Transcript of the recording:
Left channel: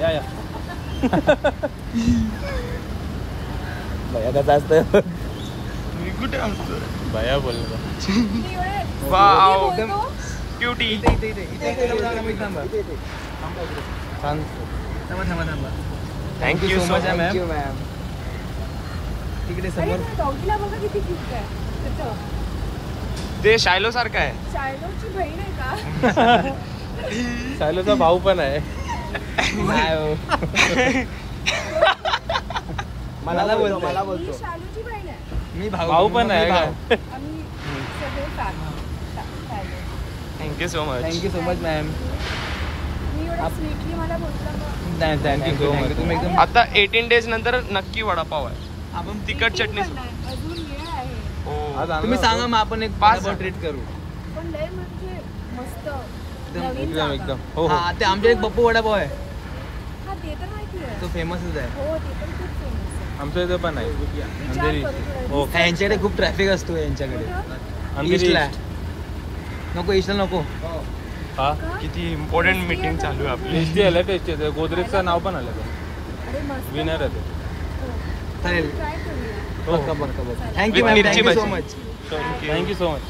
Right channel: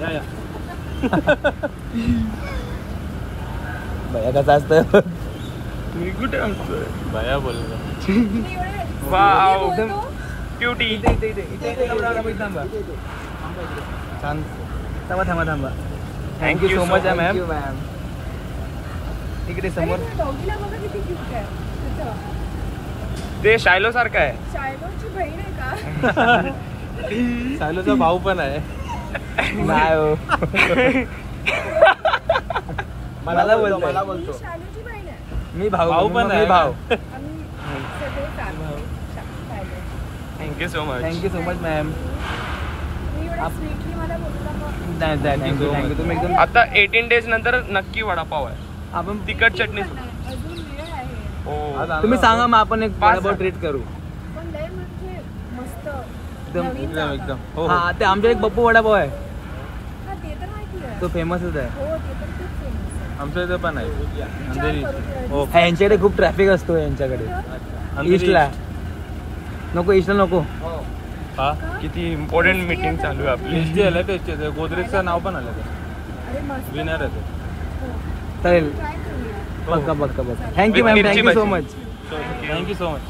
या या भैया कसा असतं मी कुठे असतो भैया बोलतो वाव बोलतो क्यूटी छान थांबा थांबा थांबा थँक्यू सो मच मॅम तिकडे अरे समोर त्या डॉगीला बघा किती क्यूट आहे त्याचं. ते शायलो सारखं आहे शायलोची बहीण आहे का? शायलोचा भाऊ पण आहे मला बोलतो मला ही बोलतो शायलोची बहीण आहे. मी भाऊ पण आहे भाऊ आम्ही सगळे शायलो. Thank you so much thank you so much ma'am. मी एवढं स्वीटली मला बोलला मग थँक्यू तुम्ही एकदम आता 18 डेज नंतर नक्की वडापाव आहे आपण तिखट चटणी अजून वेळ आहे हो तुम्ही सांगा मग आपण एक पाच ट्रीट करू. पण लय म्हणजे मस्त नवीन एकदम जागा. एकदम हो हो हा ते आमच्या एक बप्पू वडापाव आहे हा ते तर माहिती आहे. तो फेमसच आहे. हो ते पण खूप फेमस आहे. आमच्या इथे पण आहे विचार अंधेरी करू थोडं. हो यांच्याकडे खूप ट्रॅफिक असतो यांच्याकडे. कुठं? अंधेरी ईस्टला नको ईस्टला नको. हा का? किती इम्पॉर्टंट मीटिंग चालू आहे आपली एसटी आलं ते गोदरेजचं नाव पण आलं अरे मस्त विनर आहे ते हो. चालेल. ट्राय करूया. हो बरका बरका. थँक्यू With मॅम मिरची थँक्यू सो भजी. मच. Thank you so much